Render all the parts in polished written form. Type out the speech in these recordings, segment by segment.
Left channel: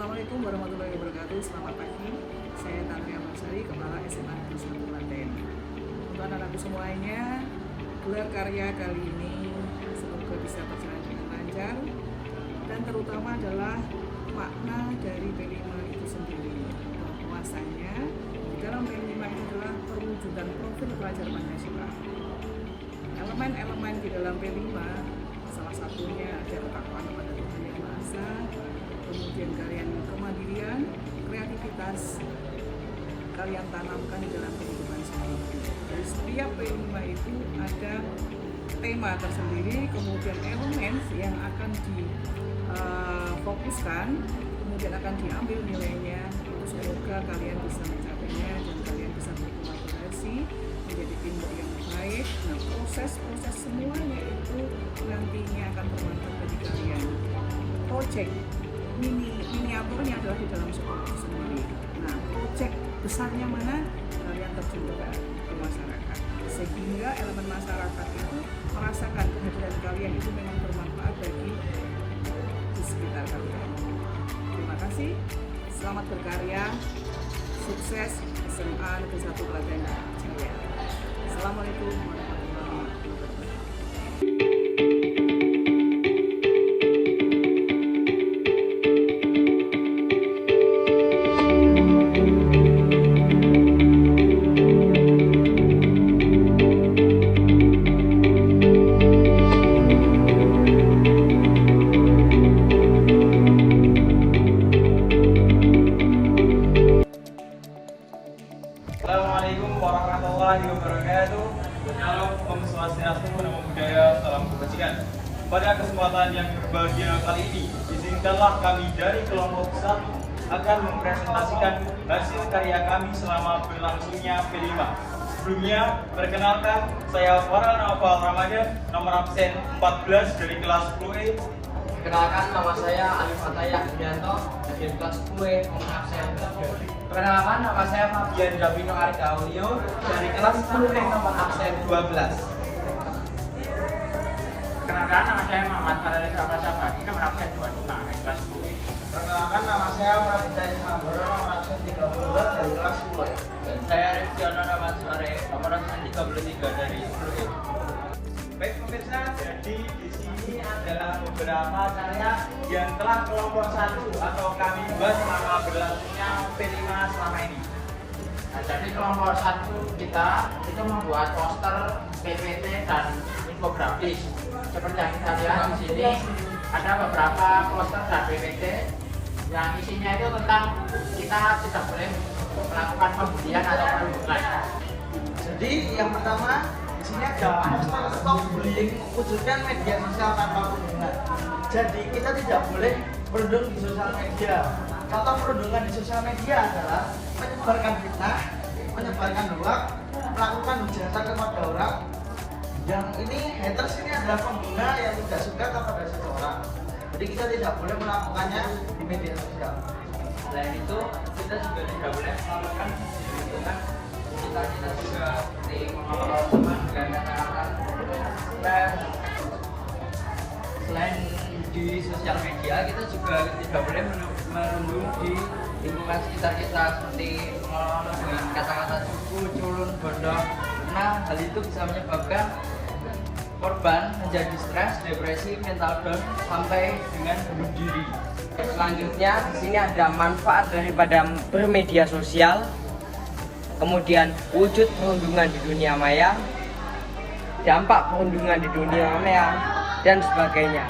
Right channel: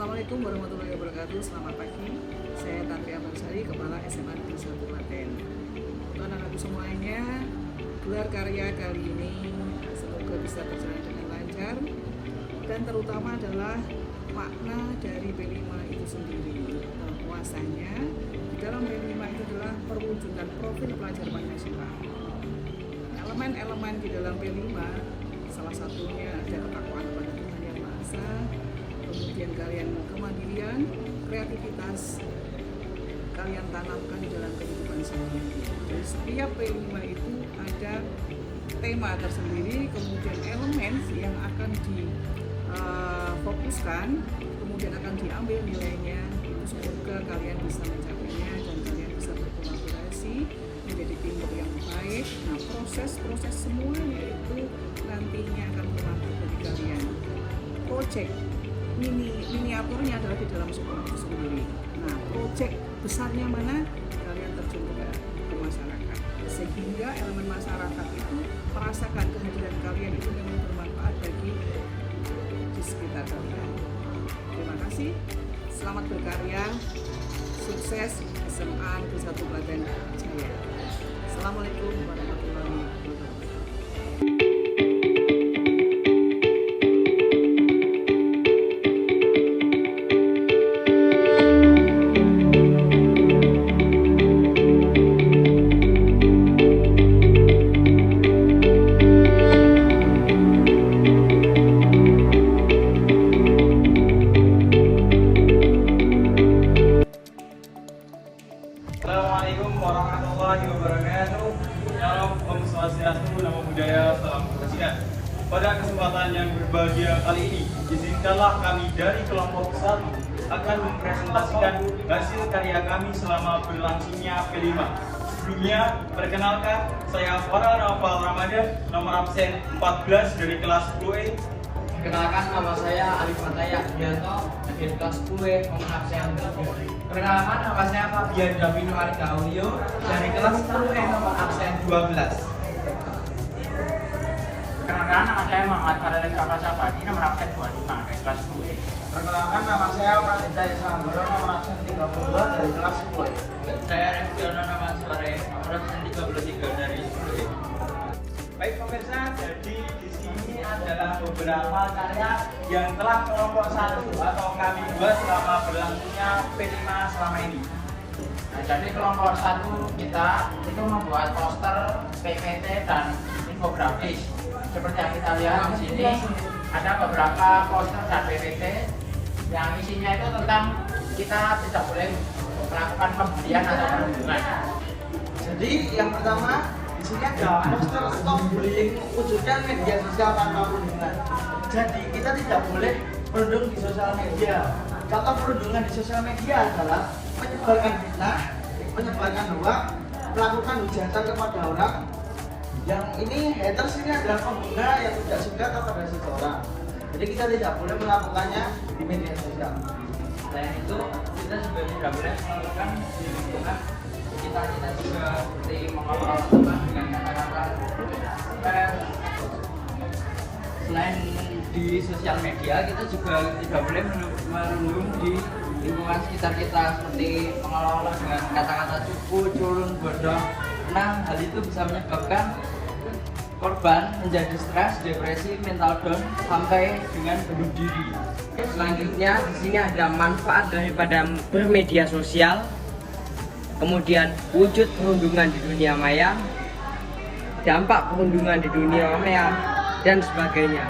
Assalamualaikum warahmatullahi wabarakatuh. Selamat pagi. Saya Tantri Ambarsari, Kepala SMA Negeri 1 Klaten. Untuk anak-anakku semuanya, gelar karya kali ini semoga bisa berjalan dengan lancar, dan terutama adalah makna dari P5 itu sendiri. Bahwasanya di dalam P5 itu adalah perwujudan profil pelajar Pancasila. Elemen-elemen di dalam P5 salah satunya ada ketakwaan kepada Tuhan Yang Maha Esa, kemudian kalian kemandirian, kreativitas kalian tanamkan di dalam kehidupan sehari-hari. Dari setiap P5 itu ada tema tersendiri, kemudian elemen yang akan difokuskan, kemudian akan diambil nilainya. Itu semoga kalian bisa mencapainya dan kalian bisa berkolaborasi menjadi teamwork yang baik. Nah, proses semuanya itu nantinya akan bermanfaat bagi kalian. Project miniaturnya adalah di dalam sekolah itu sendiri. Nah, project besarnya mana? Kalian terjun ke masyarakat, sehingga elemen masyarakat itu merasakan kehadiran kalian itu memang bermanfaat bagi di sekitar kalian. Terima kasih, selamat berkarya, sukses SMA Negeri 1 Klaten Jaya. Assalamualaikum warahmatullahi wabarakatuh. Assalamualaikum warahmatullahi wabarakatuh. Salam Om Swastiastu, Namo Buddhaya, salam kebajikan. Pada kesempatan yang berbahagia kali ini, izinkanlah kami dari kelompok 1 akan mempresentasikan hasil karya kami selama berlangsungnya P5. Sebelumnya, perkenalkan, saya Farhan Nawfal Ramadan, nomor absen 14 dari kelas 10E. Perkenalkan, nama saya Alif Fataya Dianto dari kelas 10E, nomor absen 3. Perkenalkan, nama saya Fabian Davino Argaulio dari kelas 10E, nomor absen 12. Perkenalkan, nama saya Muhammad Fadil Sabadi, nomor absen 25 dari kelas 10E. Perkenalkan, nama saya Masita Isambara, nomor absen 32 dari kelas 10E. Saya Rizkyana Namansare, nomor absen 33 dari 10E. Baik pemirsa, jadi di sini adalah beberapa karya yang telah kelompok 1 atau kami buat selama berlangsungnya P5 selama ini. Nah, jadi kelompok 1 kita itu membuat poster, PPT, dan infografis. Seperti yang kita lihat di sini, ada beberapa poster dan PPT yang isinya itu tentang kita tidak boleh melakukan pembelian atau perundungan. Jadi yang pertama, di sini ada poster stop bullying, wujudkan media sosial tanpa perundungan. Jadi kita tidak boleh berundung di sosial media. Contoh perundungan di sosial media adalah menyebarkan fitnah, menyebarkan hoax, melakukan hujatan kepada orang. Yang ini haters ini adalah pengguna yang tidak suka kepada seseorang. Jadi kita tidak boleh melakukannya di media sosial. Selain itu, kita juga tidak boleh melakukan perundungan. Kita juga mengelola dengan kata-kata. Selain di sosial media, kita juga tidak boleh merundung di lingkungan sekitar kita, seperti mengelola dengan kata-kata cupu, culun, bodoh. Nah, hal itu bisa menyebabkan korban menjadi stres, depresi, mental down, sampai dengan bunuh diri. Selanjutnya di sini ada manfaat daripada bermedia sosial, kemudian wujud perundungan di dunia maya, dampak perundungan di dunia maya, dan sebagainya.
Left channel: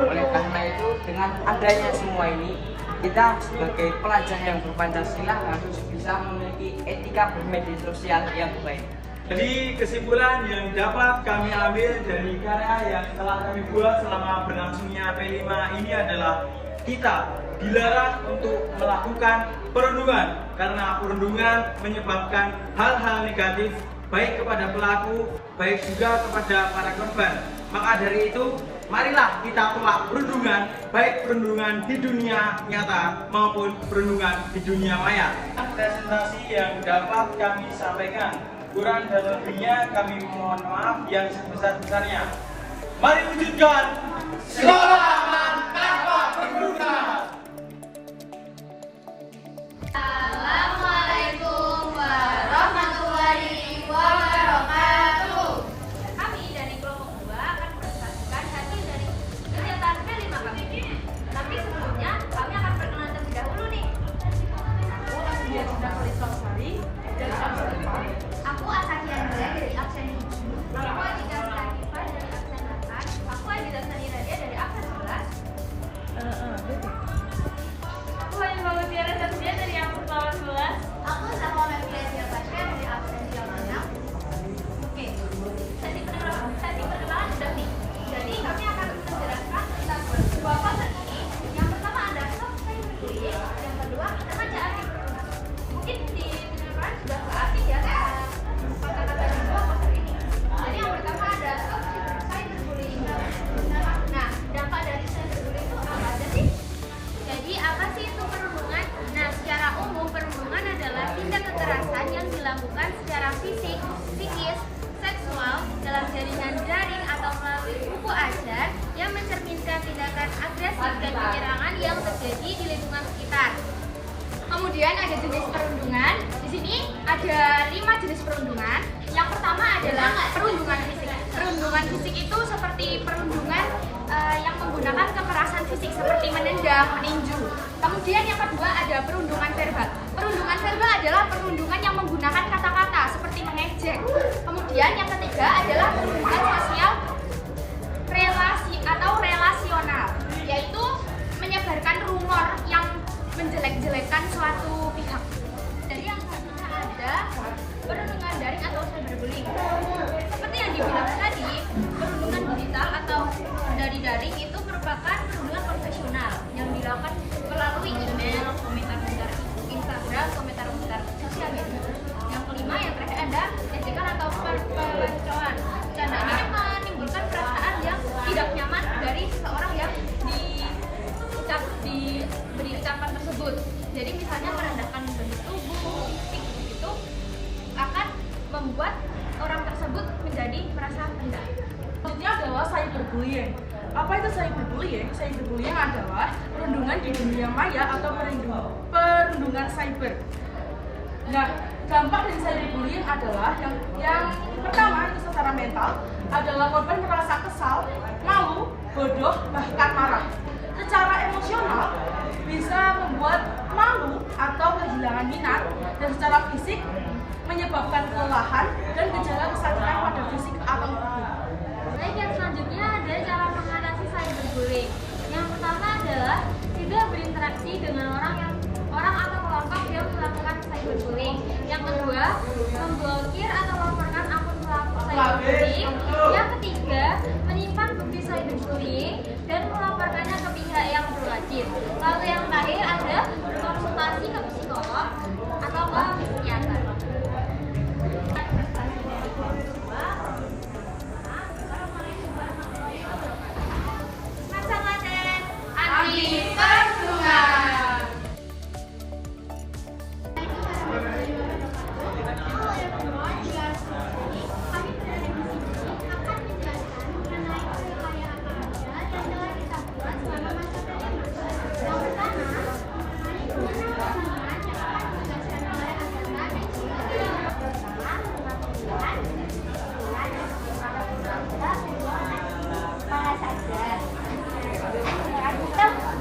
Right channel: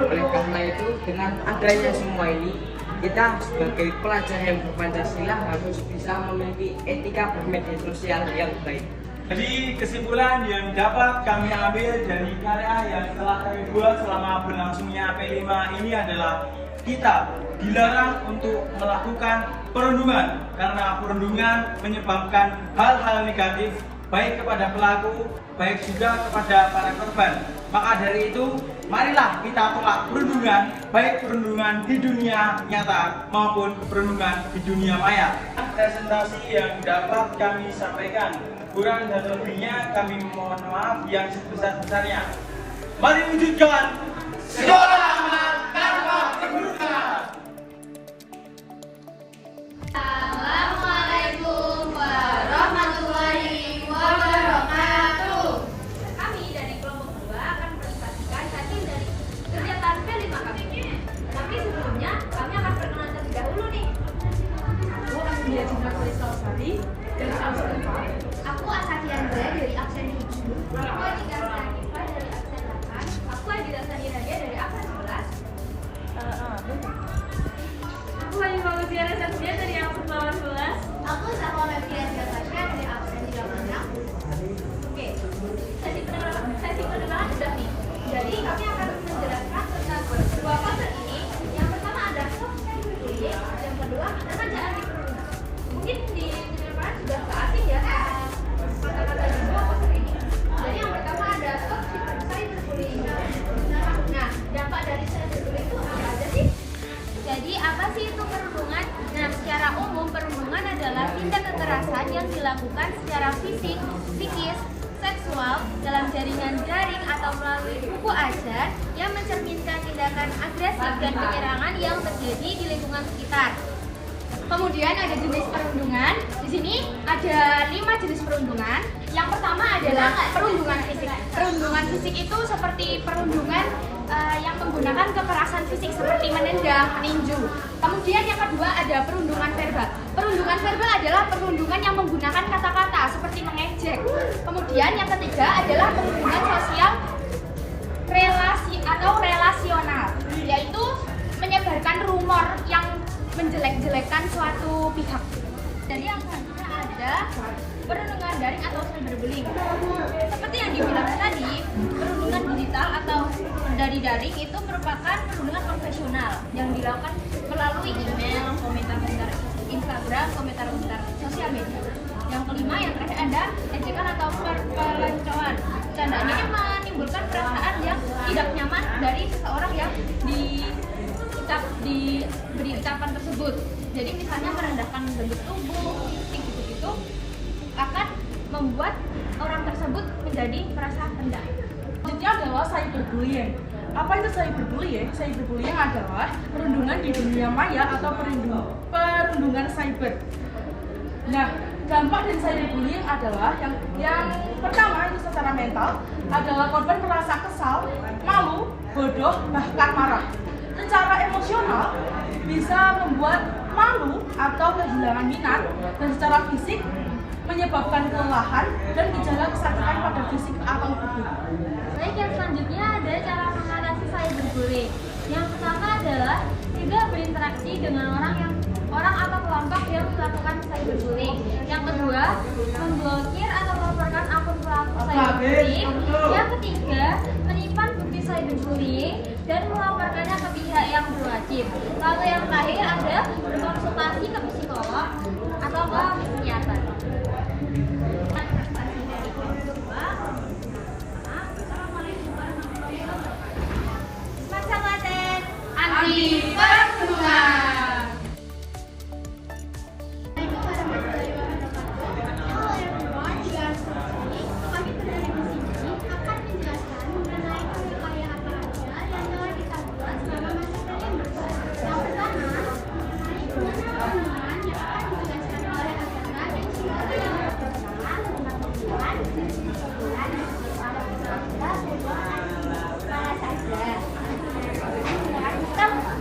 Oleh karena itu, dengan adanya semua ini, kita sebagai pelajar yang berpancasila harus bisa memiliki etika bermedia sosial yang baik. Jadi kesimpulan yang dapat kami ambil dari karya yang telah kami buat selama berlangsungnya P5 ini adalah kita dilarang untuk melakukan perundungan karena perundungan menyebabkan hal-hal negatif baik kepada pelaku, baik juga kepada para korban. Maka dari itu, marilah kita tolak perundungan, baik perundungan di dunia nyata maupun perundungan di dunia maya. Presentasi yang dapat kami sampaikan, kurang dan lebihnya kami mohon maaf yang sebesar-besarnya. Mari wujudkan sekolah tanpa perundungan. atau melalui buku ajar yang mencerminkan tindakan agresif dan penyerangan yang terjadi di lingkungan sekitar. Kemudian ada jenis perundungan. Di sini ada 5 jenis perundungan. Yang pertama adalah perundungan fisik. Perundungan fisik itu seperti perundungan yang menggunakan kekerasan fisik seperti menendang, meninju. Kemudian yang kedua ada perundungan verbal. Perundungan verbal adalah perundungan yang menggunakan kata-kata seperti mengejek. Kemudian yang ketiga adalah perundungan sosial relasi atau relasional, yaitu menyebarkan rumor yang menjelek-jelekkan suatu pihak. Jadi yang selanjutnya ada perundungan daring atau cyberbullying. Seperti yang dibilang tadi, perundungan digital atau dari daring itu merupakan perundungan konvensional yang dilakukan melalui email, komentar-komentar Instagram, komentar-komentar sosial media. Yang kelima, yang terakhir ada ejekan atau perpelancoan. Tandanya ini menimbulkan perasaan yang tidak nyaman dari seseorang yang diberi ucapan tersebut. Jadi misalnya merendahkan bentuk tubuh, fisik gitu-gitu akan membuat orang tersebut menjadi merasa rendah. Selanjutnya adalah cyberbullying. Apa itu cyberbullying? Cyberbullying adalah perundungan di dunia maya atau perundungan cyber. Nah, dampak dari cyberbullying adalah yang pertama itu secara mental adalah korban merasa kesal, malu, bodoh, bahkan marah. Secara emosional bisa membuat malu atau kehilangan minat, dan secara fisik menyebabkan kelelahan dan gejala kesakitan pada fisik atau tubuh. Baik, yang selanjutnya ada cara mengatasi cyberbullying. Yang pertama adalah tidak berinteraksi dengan orang atau kelompok yang melakukan cyberbullying. Yang kedua, memblokir atau melaporkan akun pelaku cyberbullying. Yang ketiga, menyimpan bukti cyberbullying dan melaporkannya ke pihak yang berwajib. Lalu yang terakhir ada berkonsultasi ke psikolog atau ke psikiater. Masa Klaten anti perundungan.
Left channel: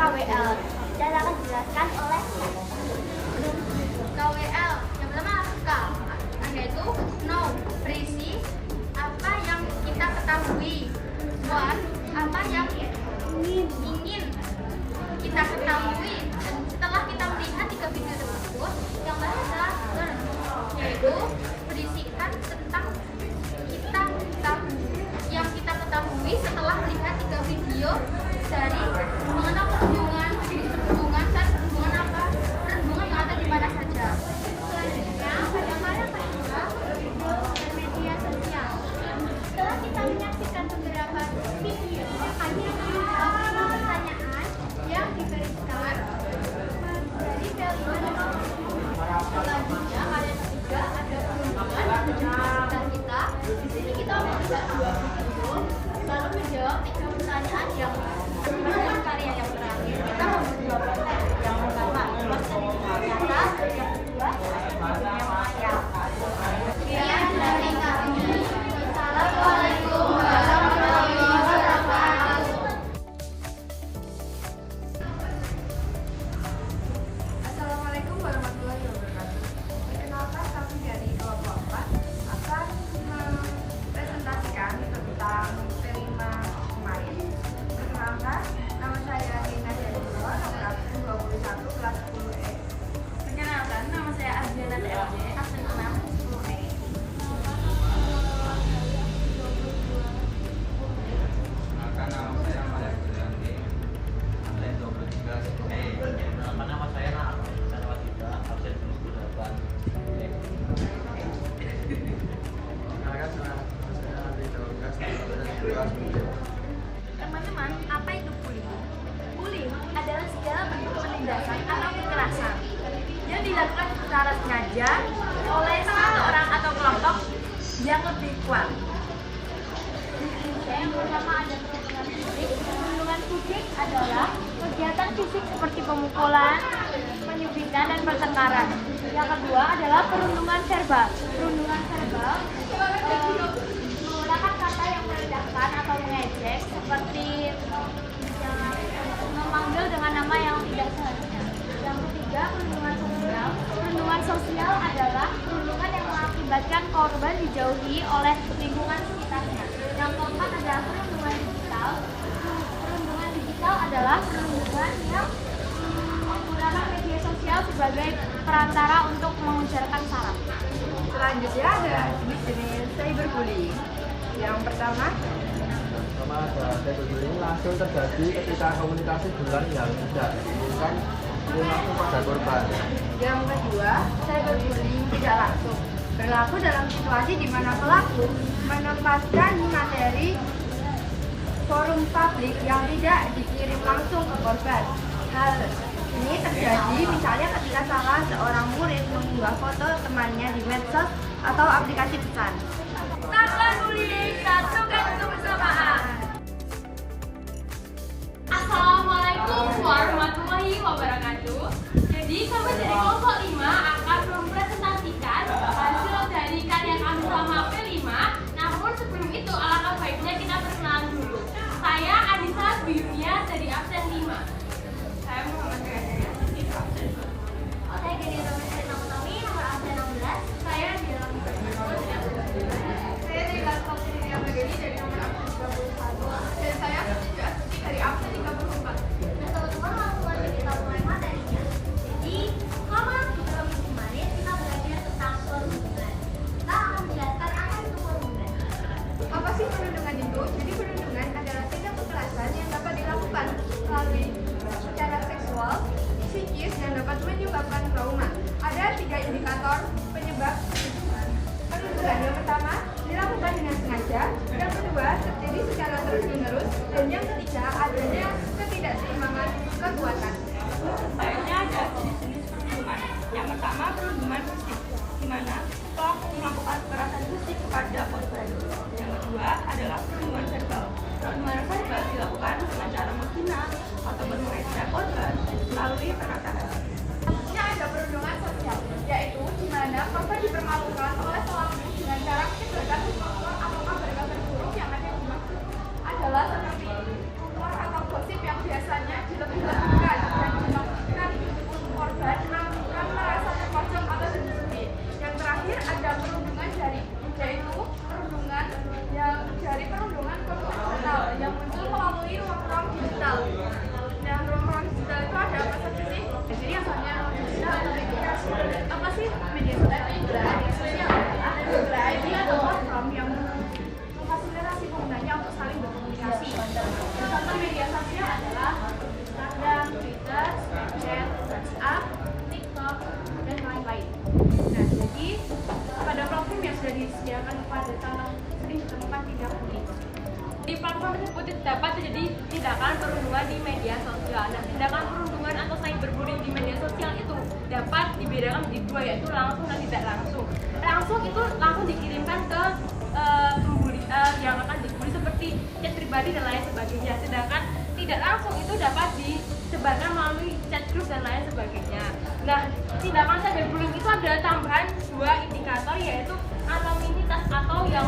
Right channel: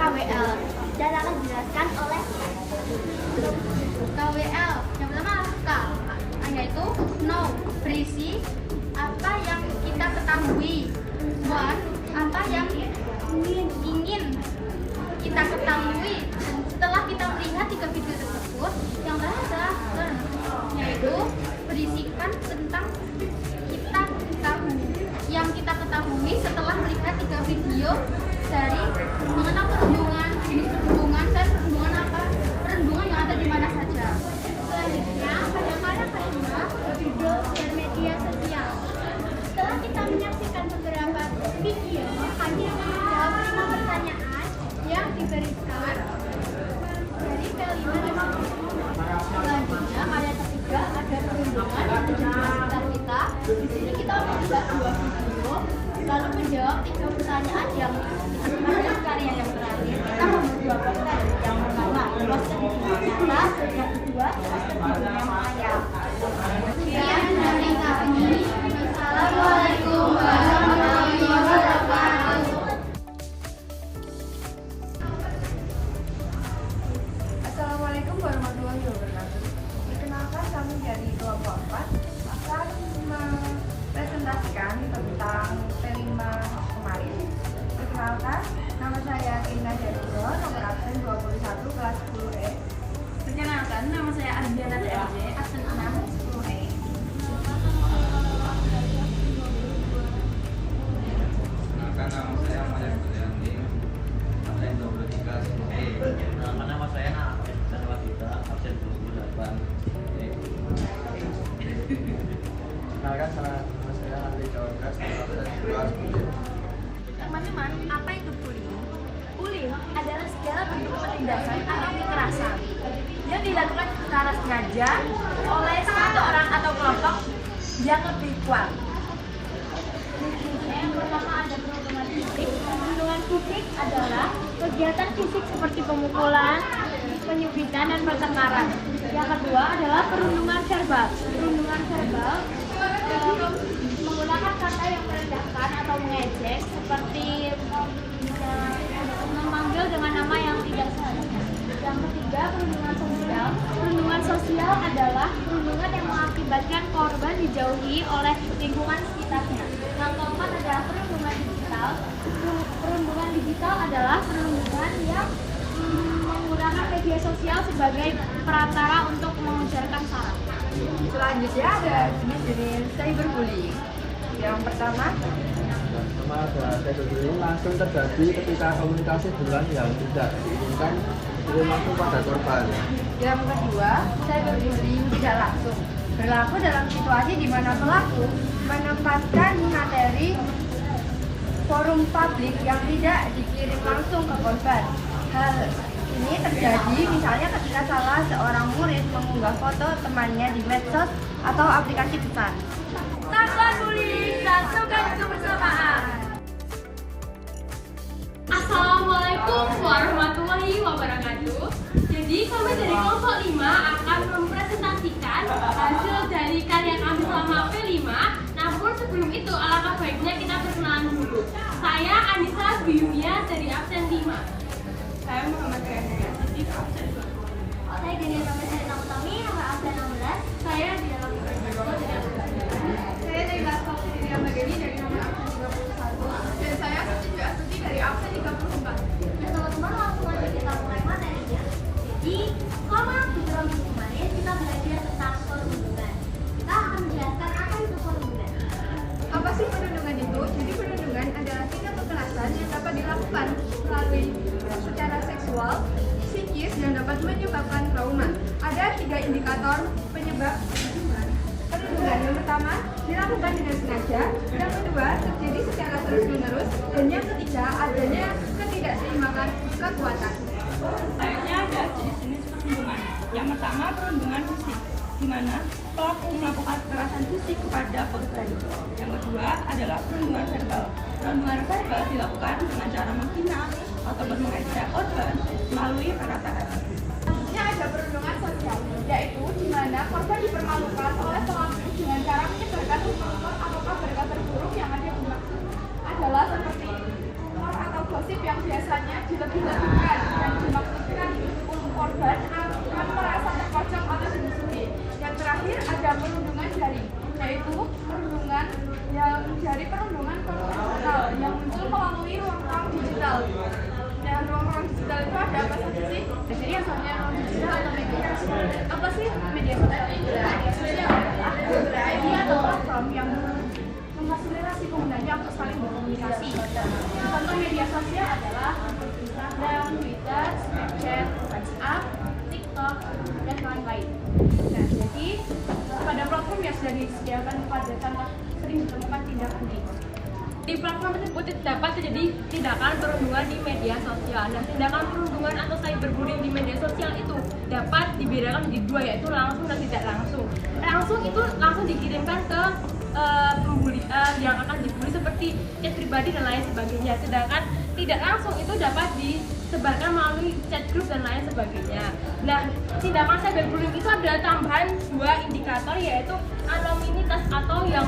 KWL dan akan dijelaskan oleh KWL. Yang pertama K, yaitu know, berisi apa yang kita ketahui. What, apa yang ingin kita ketahui. Dan setelah kita melihat 3 video tersebut, yang terakhir adalah learn, yaitu berisikan tentang yang kita ketahui setelah melihat 3 video dari mengenal perundungan, jenis perundungan, dan perundungan yang ada di mana saja. Selanjutnya, pada karya kelima, video dan media sosial. Setelah kita menyaksikan beberapa video, kami akan menjawab 5 pertanyaan yang diberikan dari kelima tersebut. Selanjutnya, karya ketiga ada perundungan yang menjadi sekitar kita. Di sini kita melihat 2 video, lalu menjawab 3 pertanyaan yang pada karya yang terakhir kita memberi 2 konten. Yang pertama, proses di dunia nyata, yang kedua, proses di dunia maya. Sekian dari kami. Assalamualaikum warahmatullahi wabarakatuh. Assalamualaikum warahmatullahi wabarakatuh. Perkenalkan, kami dari kelompok 4 akan mempresentasikan tentang tema kemarin. Perkenalkan, nama saya Tina Derulo, nomor absen 21 kelas 10E. Perkenalkan, nama saya Ardiana TRJ, absen 6 10E. Nama saya Malah Burani, absen 23 10E. Nama saya Nama juga absen 28. Perkenalkan, nama saya Andri Daukas, absen 11 10E. Teman-teman, apa itu bullying? Bullying adalah segala bentuk penindasan atau kekerasan yang dilakukan secara sengaja oleh satu orang atau kelompok yang lebih kuat. adalah kegiatan fisik seperti pemukulan, penyubitan, dan pertengkaran. Yang kedua adalah perundungan verbal. Perundungan verbal menggunakan kata yang merendahkan atau mengejek seperti memanggil dengan nama yang tidak seharusnya. Yang ketiga, perundungan sosial. Perundungan sosial adalah perundungan yang mengakibatkan korban dijauhi oleh lingkungan sekitarnya. Yang keempat adalah perundungan digital. Perundungan digital adalah perundungan yang menggunakan media sosial sebagai perantara untuk mengujarkan sara. Selanjutnya ada jenis cyberbullying. Yang pertama ada cyberbullying langsung terjadi ketika komunikasi bulan yang tidak diinginkan dikirim langsung pada korban. Yang kedua, cyberbullying tidak langsung berlaku dalam situasi di mana pelaku menempatkan materi forum publik yang tidak dikirim langsung ke korban. Hal ini terjadi misalnya ketika salah seorang murid mengunggah foto temannya di medsos atau aplikasi pesan. Tanpa bullying, satukan kebersamaan. Assalamualaikum warahmatullahi wabarakatuh. Jadi kami dari kelompok 5 akan mempresentasikan hasil dari karya kami selama P5. Namun sebelum itu alangkah baiknya kita perkenalan dulu. Saya Anissa Biyunia dari absen 5. Saya Muhammad Gaya dari absen 2. Saya Dini Romi Utami nomor absen 16. Saya di dalam saya dari kelas Putri Dewi dari nomor absen 21. Dan saya juga dari absen 34. Nah teman-teman, langsung aja kita mulai materinya. Jadi selama di dalam minggu kemarin kita belajar tentang perundungan. Kita akan menjelaskan apa itu perundungan. Apa sih perundungan itu? Jadi perundungan adalah tindak kekerasan yang dapat dilakukan melalui secara seksual, psikis, dan dapat menyebabkan trauma. Ada 3 indikator penyebab perundungan. Yang pertama, dilakukan dengan sengaja. Yang kedua, terjadi secara terus-menerus. Dan yang ketiga, adanya ketidakseimbangan kekuatan. Selanjutnya ada jenis-jenis perundungan. Yang pertama, perundungan fisik, di mana pelaku melakukan kekerasan fisik kepada korban. Yang kedua adalah perundungan verbal. Perundungan verbal dilakukan dengan cara menghina atau mengejek korban melalui perkataan. Yang ada perundungan sosial, yaitu di mana korban dipermalukan oleh pelaku dengan cara menyebarkan rumor atau kabar-kabar buruk yang ada dimaksud adalah seperti rumor atau gosip yang biasanya dilebih-lebihkan dan dimaksudkan korban akan merasa terpojok atau dihujani. Yang terakhir ada perundungan jaring, yaitu perundungan yang dari perundungan konvensional yang muncul melalui ruang-ruang digital. Dan ruang-ruang digital itu ada apa saja sih? Jadi yang namanya ruang digital atau media sosial. Apa sih media sosial itu? Media sosial adalah media atau platform yang memfasilitasi penggunanya untuk saling berkomunikasi. Contoh media sosial adalah Instagram, Twitter, Snapchat, WhatsApp, TikTok, dan lain-lain. Nah, jadi pada platform yang sudah disediakan pada contoh sering ditemukan tindak bullying. Di platform tersebut dapat terjadi tindakan perundungan di media sosial. Nah, tindakan perundungan atau cyberbullying di media sosial itu dapat dibedakan menjadi 2, yaitu langsung dan tidak langsung. Langsung itu langsung dikirimkan ke pembuli yang akan dibully seperti chat pribadi dan lain sebagainya. Sedangkan tidak langsung itu dapat disebarkan melalui chat group dan lain sebagainya. Nah, tindakan cyberbullying itu ada tambahan 2 indikator, yaitu anonimitas atau yang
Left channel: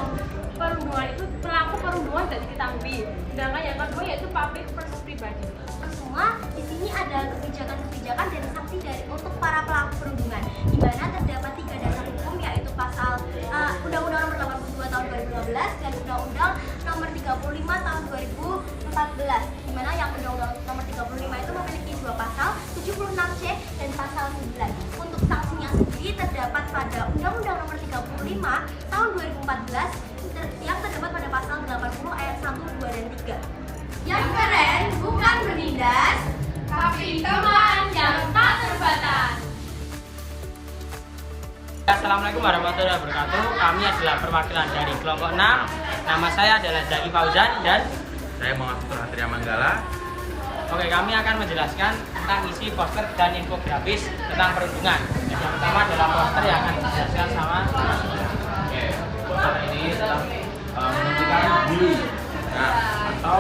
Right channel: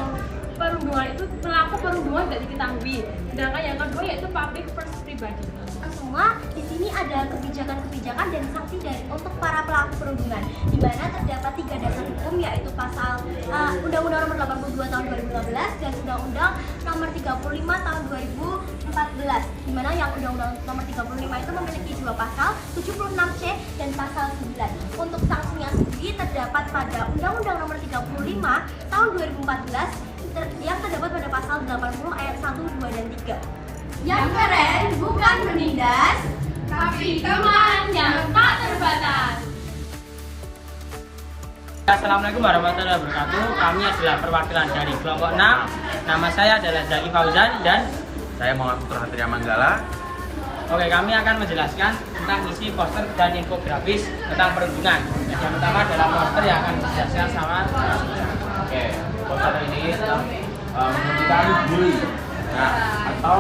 perundungan itu pelaku perundungan tidak diketahui. Sedangkan yang kedua yaitu public first pribadi. Semua di sini ada kebijakan-kebijakan dan sanksi untuk para pelaku perundungan, di mana terdapat 3 dasar hukum, yaitu pasal Undang-Undang Nomor 82 Tahun 2015 dan Undang-Undang Nomor 35 Tahun 2014. Di mana yang Undang-Undang Nomor 35 itu memiliki 2 pasal, 76C dan pasal 9. Untuk sanksinya sendiri terdapat pada Undang-Undang Nomor 35 Tahun 2014 yang terdapat pada pasal 80 ayat 1, 2, dan 3. Yang keren bukan menindas, tapi teman yang tak terbatas. Assalamualaikum warahmatullahi wabarakatuh. Kami adalah perwakilan dari kelompok 6. Nama saya adalah Zaki Fauzan dan Saya Muhammad Putra Hatria Manggala. oke, kami akan menjelaskan tentang isi poster dan infografis tentang perundungan. Yang pertama adalah poster yang akan dijelaskan sama Mas Ida. Oke, poster ini tentang menghentikan bully. Nah, atau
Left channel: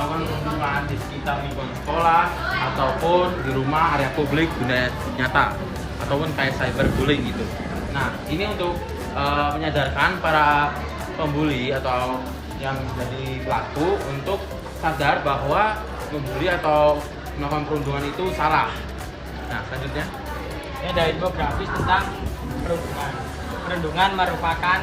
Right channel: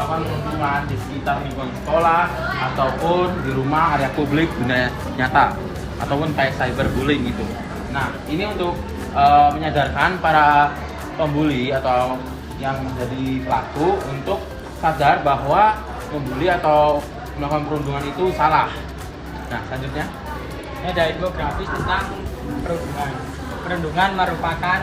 melakukan perundungan di sekitar lingkungan sekolah ataupun di rumah, area publik, dunia nyata ataupun kayak cyberbullying gitu. Nah, ini untuk menyadarkan para pembuli atau yang menjadi pelaku untuk sadar bahwa membuli atau melakukan perundungan itu salah. Nah, selanjutnya ini ada infografis tentang perundungan. Perundungan merupakan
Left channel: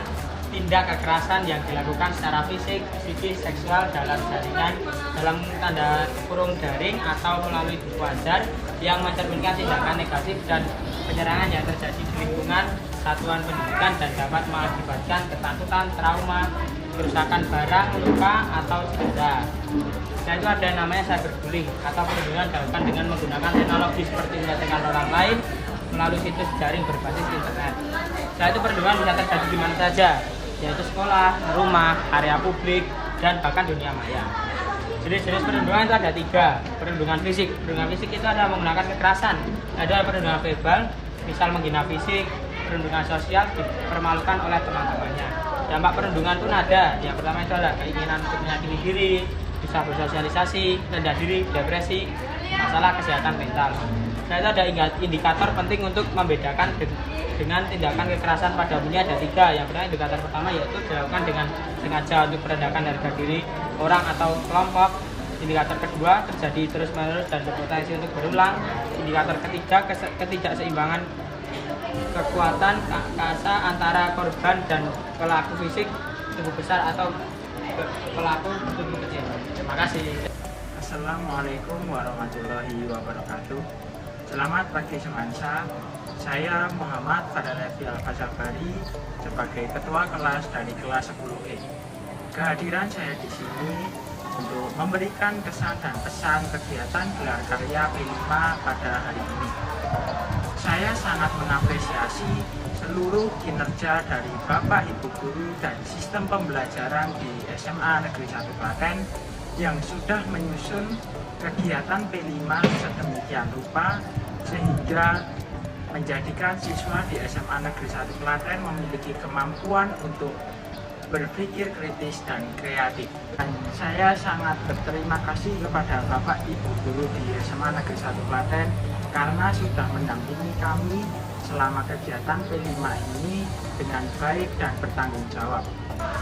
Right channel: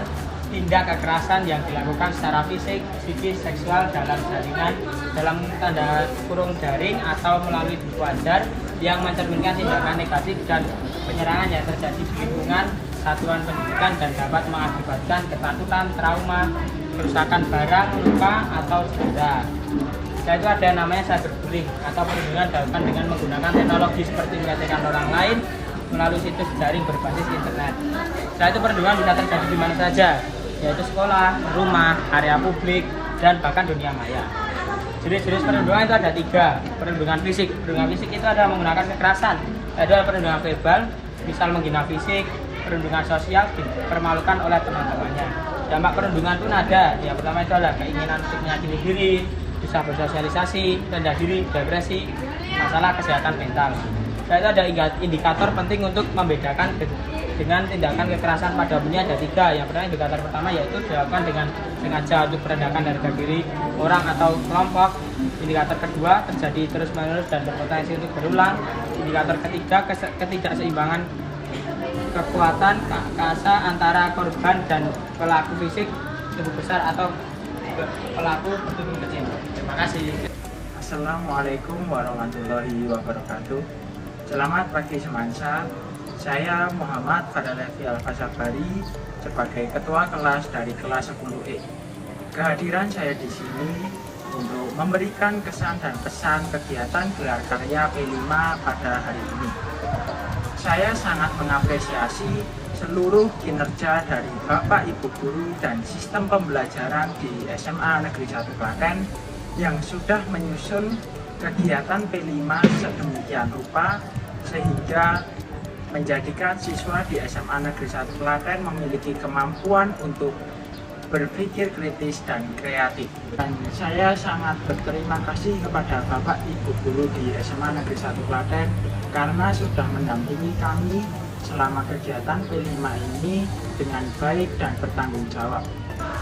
tindak kekerasan yang dilakukan secara fisik, psikis, seksual dalam jaringan dalam tanda kurung daring atau melalui buku ajar yang mencerminkan tindakan negatif dan penyerangan yang terjadi di lingkungan satuan pendidikan dan dapat mengakibatkan ketakutan, trauma, kerusakan barang, luka, atau cedera. Setelah itu ada namanya cyberbullying atau perundungan dilakukan dengan menggunakan teknologi seperti melecehkan orang lain melalui situs jaring berbasis internet. Setelah itu perundungan bisa terjadi di mana saja, yaitu sekolah, rumah, area publik, dan bahkan dunia maya. Jenis-jenis perundungan itu ada 3. Perundungan fisik. Perundungan fisik itu ada menggunakan kekerasan. Ada perundungan verbal, misal menghina fisik. Perundungan sosial, dipermalukan oleh teman-temannya. Dampak perundungan pun ada. Yang pertama itu adalah keinginan untuk menyakiti diri, bisa bersosialisasi, rendah diri, depresi, masalah kesehatan mental. Setelah itu ada indikator penting untuk membedakan dengan tindakan kekerasan pada umumnya ada 3. Yang pertama, indikator pertama yaitu dilakukan dengan sengaja untuk merendahkan harga diri orang atau kelompok. Indikator kedua, terjadi terus-menerus dan berpotensi untuk berulang. Indikator ketiga, ketidakseimbangan kekuatan kasa antara korban dan pelaku fisik, tubuh besar atau pelaku bertubuh kecil. Terima kasih. Assalamualaikum warahmatullahi wabarakatuh. Selamat pagi semansa. Saya Muhammad Fadalevi Al-Fasabari sebagai ketua kelas dari kelas 10E. Kehadiran saya di sini untuk memberikan kesan dan pesan kegiatan gelar karya P5 pada hari ini. Saya sangat mengapresiasi seluruh kinerja dari Bapak Ibu Guru dan sistem pembelajaran di SMA Negeri 1 Klaten yang sudah menyusun kegiatan P5 sedemikian rupa sehingga menjadikan siswa di SMA Negeri 1 Klaten memiliki kemampuan untuk berpikir kritis dan kreatif. Dan saya sangat berterima kasih kepada Bapak Ibu Guru di SMA Negeri 1 Klaten karena sudah mendampingi kami selama kegiatan P5 ini dengan baik dan bertanggung jawab.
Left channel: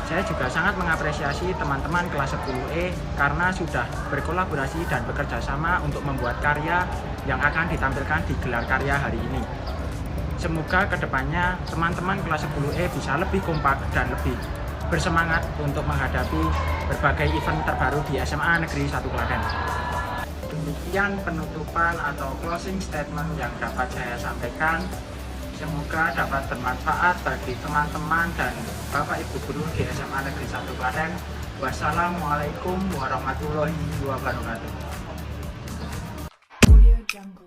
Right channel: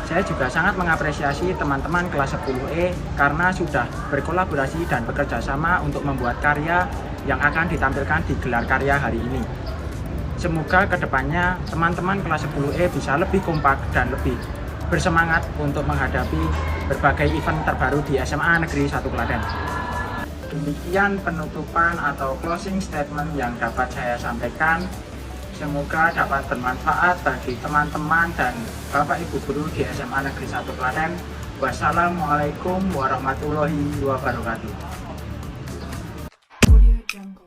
Saya juga sangat mengapresiasi teman-teman kelas 10E karena sudah berkolaborasi dan bekerja sama untuk membuat karya yang akan ditampilkan di gelar karya hari ini. Semoga kedepannya teman-teman kelas 10E bisa lebih kompak dan lebih bersemangat untuk menghadapi berbagai event terbaru di SMA Negeri 1 Klaten. Demikian penutupan atau closing statement yang dapat saya sampaikan. Semoga dapat bermanfaat bagi teman-teman dan Bapak Ibu Guru di SMA Negeri 1 Klaten. Wassalamualaikum warahmatullahi wabarakatuh. Audio Jungle.